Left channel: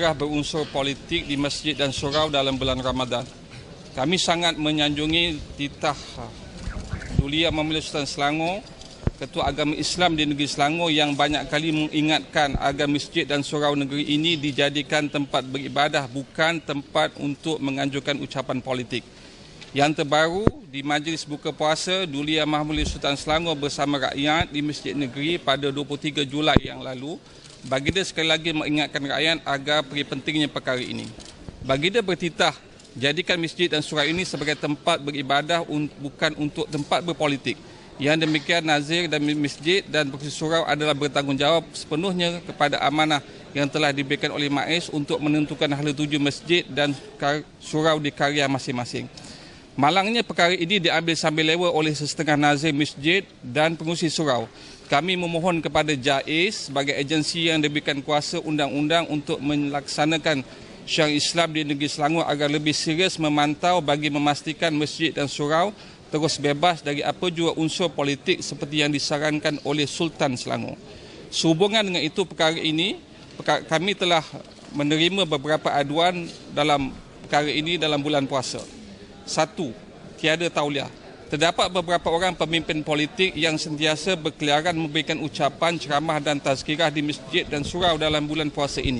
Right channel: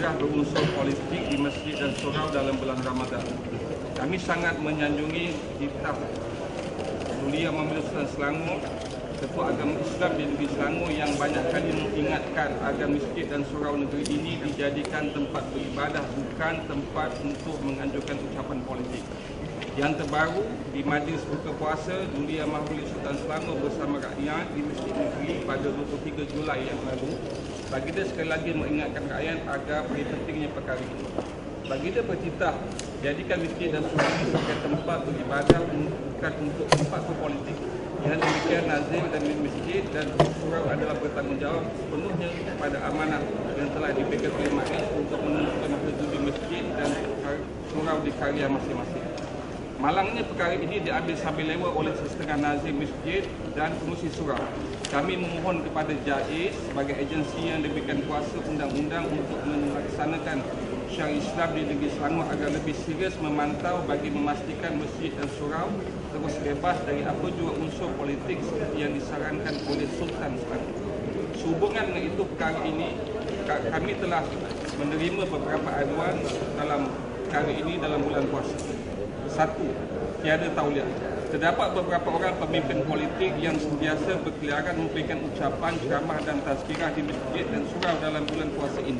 tazkirah berunsur politik di masjid dan surau dalam bulan Ramadan. Kami sangat menyanjungi titah Duli Yang Mulia Sultan Selangor, Ketua Agama Islam di negeri Selangor, yang banyak kali mengingatkan agar masjid dan surau negeri ini dijadikan tempat beribadah, bukan tempat untuk menganjurkan ucapan politik. Yang terbaru, di Majlis Buka Puasa Duli Yang Mulia Sultan Selangor bersama rakyat di Masjid Negeri pada 23 Julai yang lalu, Baginda sekali lagi mengingatkan rakyat agar beri pentingnya perkara ini. Baginda bertitah, jadikan masjid dan surau ini sebagai tempat beribadah, bukan untuk tempat berpolitik. Yang demikian, nazir dan masjid dan surau adalah bertanggungjawab sepenuhnya kepada amanah yang telah diberikan oleh MAIS untuk menentukan hala tuju masjid dan surau di karya masing-masing. Malangnya perkara ini diambil sambil lewa oleh sesetengah nazir masjid dan pengurusi surau. Kami memohon kepada JAIS sebagai agensi yang diberikan kuasa undang-undang untuk melaksanakan syariat Islam di negeri Selangor agar lebih serius memantau bagi memastikan masjid dan surau terus bebas dari apa jua unsur politik seperti yang disarankan oleh Sultan Selangor. Sehubungan dengan itu, perkara ini kami telah menerima beberapa aduan dalam perkara ini dalam bulan puasa. 1. Tiada tauliah. Terdapat beberapa orang pemimpin politik yang sentiasa berkeliaran memberikan ucapan, ceramah dan tazkirah di masjid dan surau dalam bulan puasa ini,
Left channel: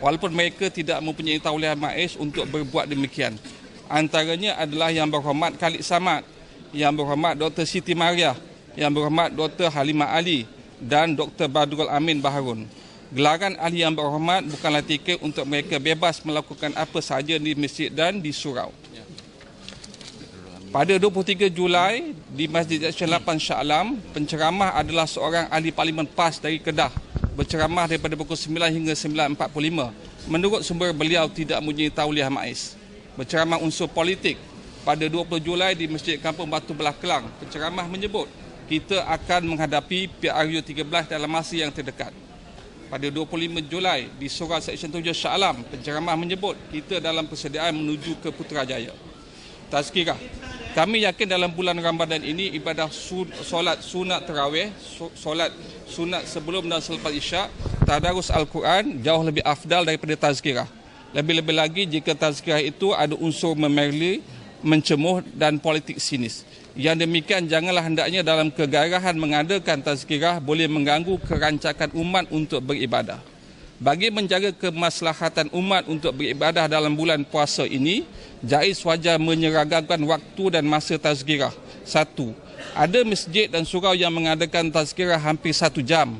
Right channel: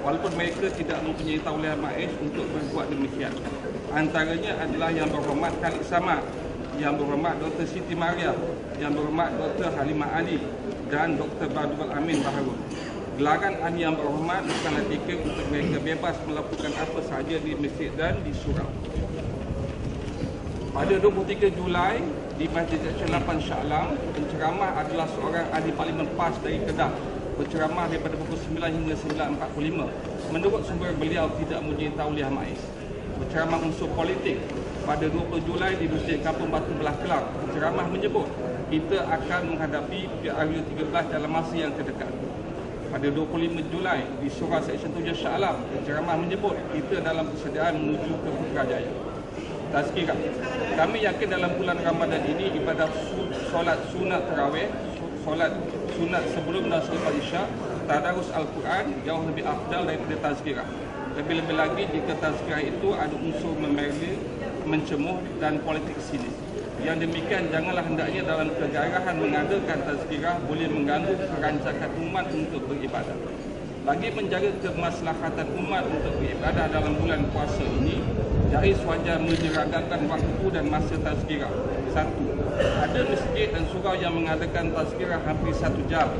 walaupun mereka tidak mempunyai tauliah MAIS untuk berbuat demikian. Antaranya adalah Yang Berhormat Khalid Samad, Yang Berhormat Dr. Siti Mariah, Yang Berhormat Dr. Halimah Ali dan Dr. Badrul Amin Baharun. Gelaran ahli Yang Berhormat bukanlah tiket untuk mereka bebas melakukan apa sahaja di masjid dan di surau. Pada 23 Julai di Masjid Syekh Shah Alam, penceramah adalah seorang ahli Parlimen PAS dari Kedah, berceramah daripada pukul 9 hingga 9.45. Menurut sumber, beliau tidak mempunyai tauliah MAIS. Berceramah unsur politik. Pada 20 Julai di Masjid Kampung Batu Belah Kelang, penceramah menyebut kita akan menghadapi PRU 13 dalam masa yang terdekat. Pada 25 Julai di Surau Seksyen 7 Shah Alam, penceramah menyebut kita dalam persediaan menuju ke Putrajaya. Tazkirah. Kami yakin dalam bulan Ramadan ini ibadah solat sunat tarawih, solat sunat sebelum dan selepas Isyak, tadarus Al-Quran jauh lebih afdal daripada tazkirah. Lebih-lebih lagi jika tazkirah itu ada unsur memerli, mencemuh dan politik sinis. Yang demikian janganlah hendaknya dalam kegarahan mengadakan tazkirah boleh mengganggu kerancakan umat untuk beribadah. Bagi menjaga kemaslahatan umat untuk beribadah dalam bulan puasa ini, JAIS wajar menyeragamkan waktu dan masa tazkirah. 1. Ada masjid dan surau yang mengadakan tazkirah hampir 1 jam.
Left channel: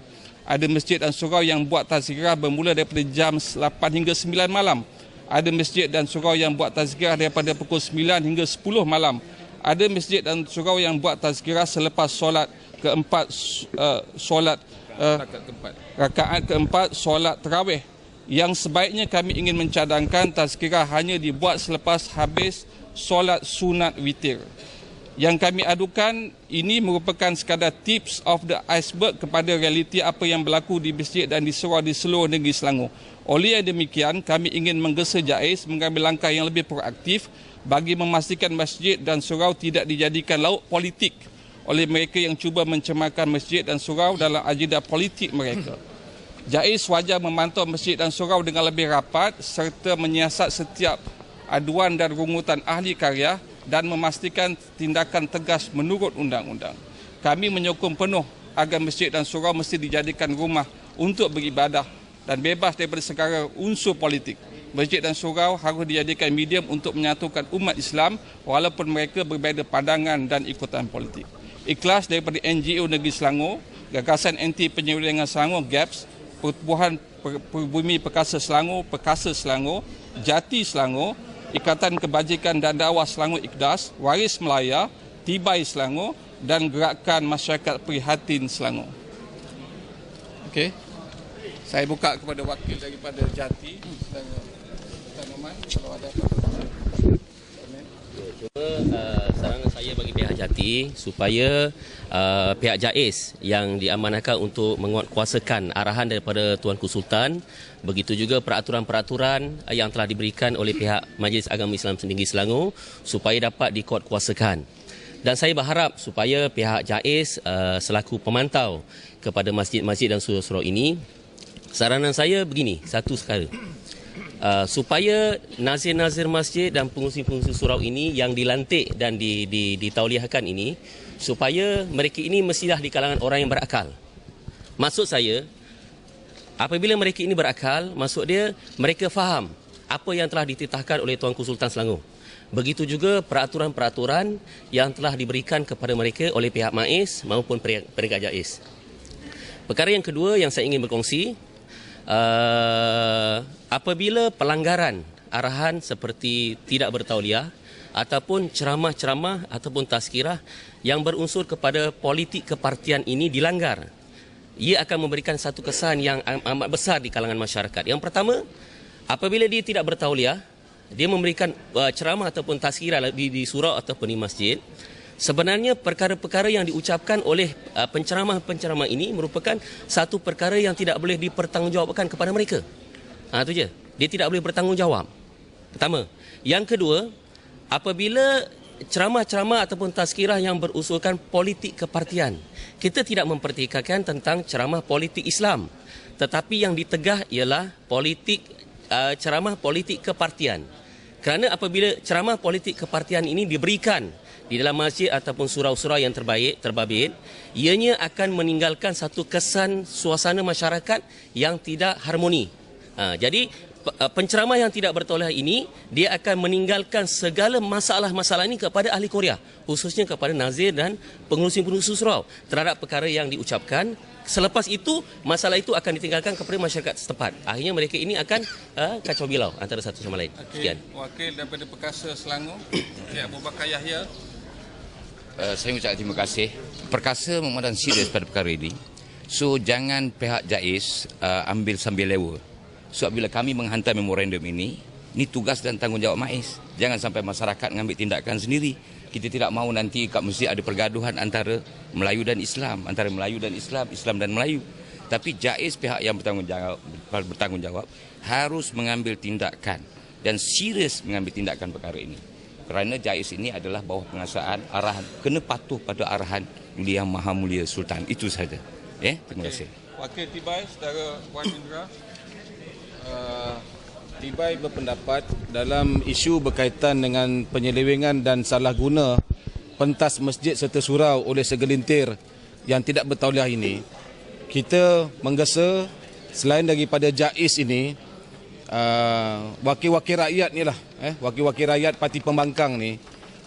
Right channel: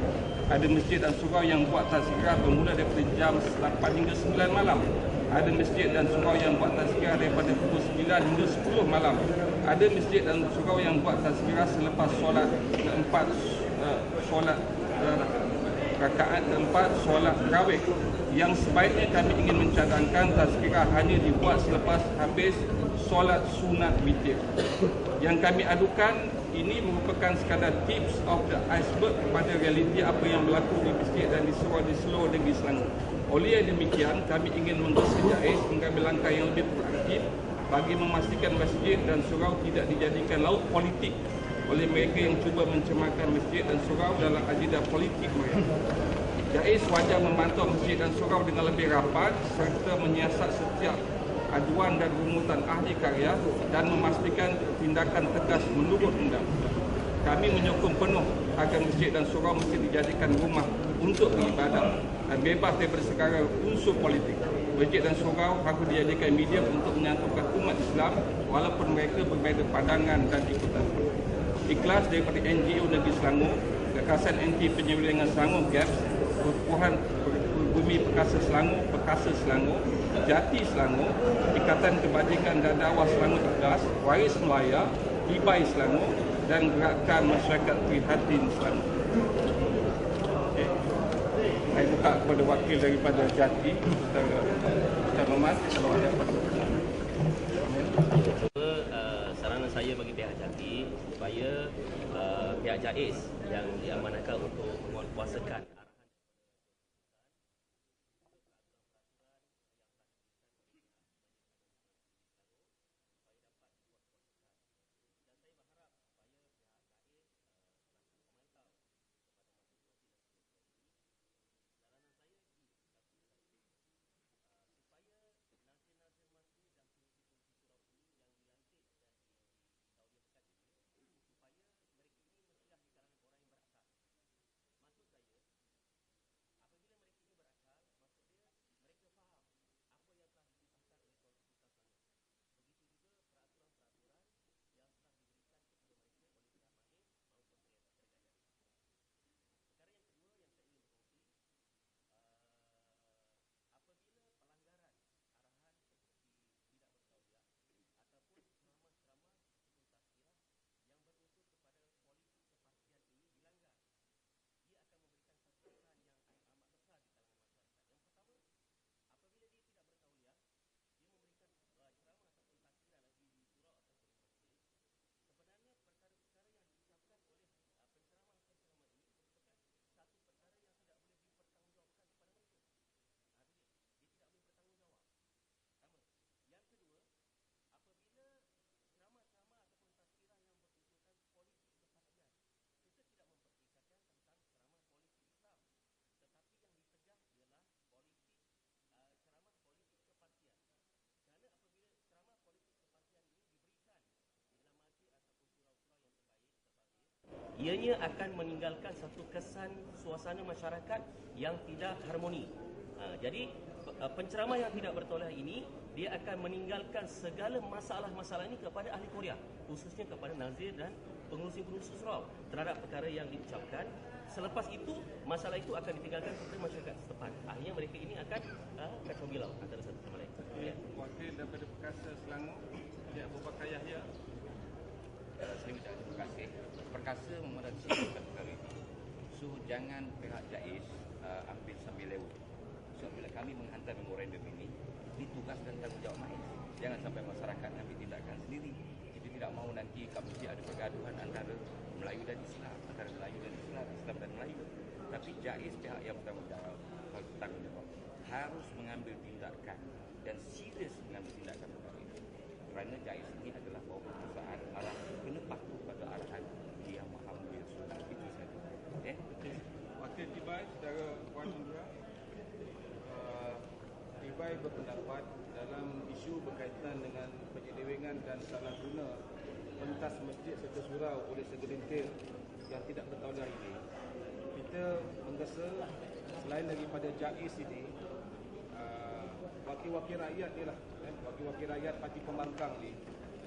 Ada masjid dan surau yang buat tazkirah bermula daripada jam 8 hingga 9 malam. Ada masjid dan surau yang buat tazkirah daripada pukul 9 hingga 10 malam. Ada masjid dan surau yang buat tazkirah selepas solat keempat, rakaat keempat solat tarawih. Yang sebaiknya kami ingin mencadangkan tazkirah hanya dibuat selepas habis solat sunat witir. Yang kami adukan ini merupakan sekadar tips of the iceberg kepada realiti apa yang berlaku di masjid dan di surau di seluruh negeri Selangor. Oleh demikian, kami ingin menggesa JAIS mengambil langkah yang lebih proaktif bagi memastikan masjid dan surau tidak dijadikan laut politik oleh mereka yang cuba mencemarkan masjid dan surau dalam agenda politik mereka. JAIS wajar memantau masjid dan surau dengan lebih rapat serta menyiasat setiap aduan dan rumutan ahli karya dan memastikan tindakan tegas menurut undang-undang. Kami menyokong penuh agar masjid dan surau mesti dijadikan rumah untuk beribadah dan bebas daripada segala unsur politik. Masjid dan surau harus dijadikan medium untuk menyatukan umat Islam walaupun mereka berbeza pandangan dan ikutan politik. Ikhlas daripada NGO Negeri Selangor, Gagasan Anti Penyelewengan Selangor GAPS, Pertubuhan Bumi Perkasa Selangor, Perkasa Selangor, Jati Selangor, Ikatan Kebajikan dan Dakwah Selangor IKDAS, Waris Melaya, Tibai Selangor dan Gerakan Masyarakat Prihatin Selangor. Okey. Saya buka kepada wakil daripada Jati. Tuan Rahmat, kalau ada apa? Saranan saya bagi pihak Jati supaya pihak JAIS yang diamanahkan untuk menguatkuasakan arahan daripada Tuanku Sultan, begitu juga peraturan-peraturan yang telah diberikan oleh pihak Majlis Agama Islam Negeri Selangor supaya dapat dikuatkuasakan. Dan saya berharap supaya pihak JAIS selaku pemantau kepada masjid-masjid dan surau-surau ini, saranan saya begini, satu sekali. supaya nazir-nazir masjid dan pengurusi-pengurusi surau ini yang dilantik dan ditauliahkan ini, supaya mereka ini mestilah di kalangan orang yang berakal. Maksud saya, apabila mereka ini berakal, maksud dia mereka faham apa yang telah dititahkan oleh Tuanku Sultan Selangor. Begitu juga peraturan-peraturan yang telah diberikan kepada mereka oleh pihak MAIS maupun peringkat JAIS. Perkara yang kedua yang saya ingin berkongsi, apabila pelanggaran arahan seperti tidak bertauliah ataupun ceramah-ceramah ataupun tazkirah yang berunsur kepada politik kepartian ini dilanggar, ia akan memberikan satu kesan yang amat besar di kalangan masyarakat. Yang pertama, apabila dia tidak bertauliah, dia memberikan ceramah ataupun tazkirah di surau ataupun di masjid, sebenarnya perkara-perkara yang diucapkan oleh penceramah-penceramah ini merupakan satu perkara yang tidak boleh dipertanggungjawabkan kepada mereka. Itu je. Dia tidak boleh bertanggungjawab. Pertama. Yang kedua, apabila ceramah-ceramah ataupun tazkirah yang berusulkan politik kepartian, kita tidak mempertikaikan tentang ceramah politik Islam, tetapi yang ditegah ialah ceramah politik kepartian. Kerana apabila ceramah politik kepartian ini diberikan di dalam masjid ataupun surau-surau yang terbabit, ianya akan meninggalkan satu kesan suasana masyarakat yang tidak harmoni. Jadi penceramah yang tidak bertauliah ini, dia akan meninggalkan segala masalah-masalah ini kepada ahli Korea, khususnya kepada nazir dan pengurusi-pengurusi surau terhadap perkara yang diucapkan. Selepas itu, masalah itu akan ditinggalkan kepada masyarakat setempat. Akhirnya mereka ini akan kacau bilau antara satu sama lain. Sekian. Wakil daripada Perkasa Selangor, Abu Bakar Yahya. Saya mengucapkan terima kasih. Perkasa memandang serius pada perkara ini. So, jangan pihak JAIS ambil sambil lewa. So, bila kami menghantar memorandum ini tugas dan tanggungjawab MAIS. Jangan sampai masyarakat mengambil tindakan sendiri. Kita tidak mahu nanti kat masjid ada pergaduhan antara Melayu dan Islam, antara Melayu dan Islam, Islam dan Melayu. Tapi JAIS, pihak yang bertanggungjawab harus mengambil tindakan dan serius mengambil tindakan perkara ini. Kerana JAIS ini adalah bawah penguasaan arahan, kena patuh pada arahan Yang Maha Mulia Sultan. Itu saja. Terima kasih. Wakil Tibai, Saudara Wan Indra. Tibai berpendapat dalam isu berkaitan dengan penyelewengan dan salah guna pentas masjid serta surau oleh segelintir yang tidak bertauliah ini, kita menggesa selain daripada JAIS ini, wakil-wakil rakyat ni lah, wakil-wakil rakyat Parti Pembangkang ni,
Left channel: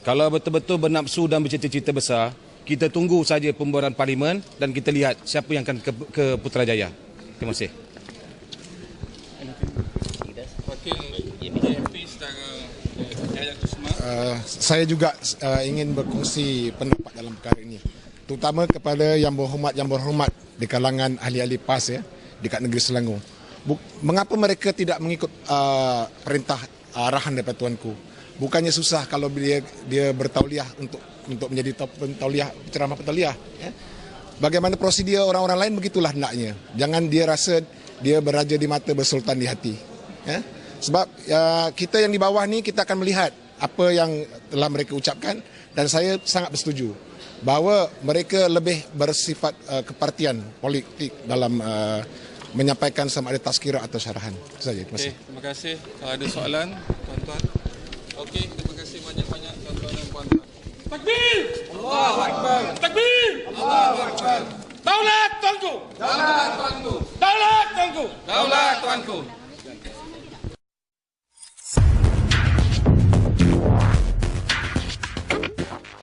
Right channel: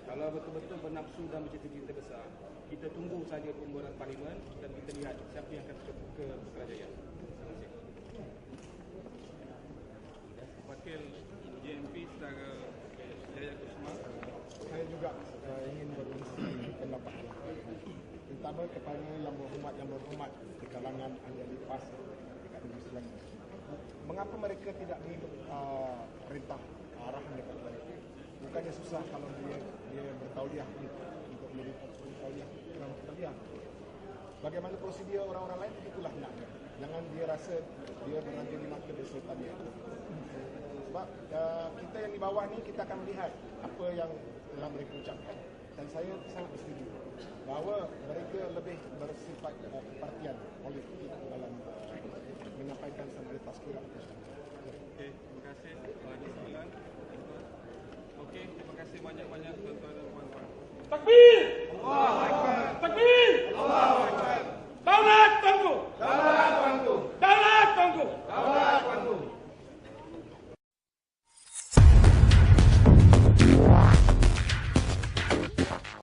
kalau betul-betul bernafsu dan bercita-cita besar, kita tunggu saja pembubaran parlimen dan kita lihat siapa yang akan ke Putrajaya. Terima kasih. Saya juga ingin berkongsi pendapat dalam perkara ini, terutama kepada yang berhormat di kalangan ahli-ahli PAS dekat negeri Selangor. Mengapa mereka tidak mengikut perintah arahan daripada tuanku? Bukannya susah kalau dia bertauliah untuk menjadi pentauliah, ceramah pentauliah. Bagaimana prosedur orang-orang lain, begitulah hendaknya. Jangan dia rasa dia beraja di mata, bersultan di hati. Sebab kita yang di bawah ni, kita akan melihat apa yang telah mereka ucapkan, dan saya sangat bersetuju bahawa mereka lebih bersifat kepartian politik dalam menyampaikan sama ada tazkirah atau syarahan. Itu saja. Terima kasih. Terima kasih. Kalau ada soalan, tuan-tuan. Okey, terima kasih banyak-banyak tuan-tuan dan puan-puan. Takbir! Allahu Akbar! Takbir! Allahu Akbar! Daulat tuanku! Daulat tuanku! Daulat tuanku! Daulat tuanku!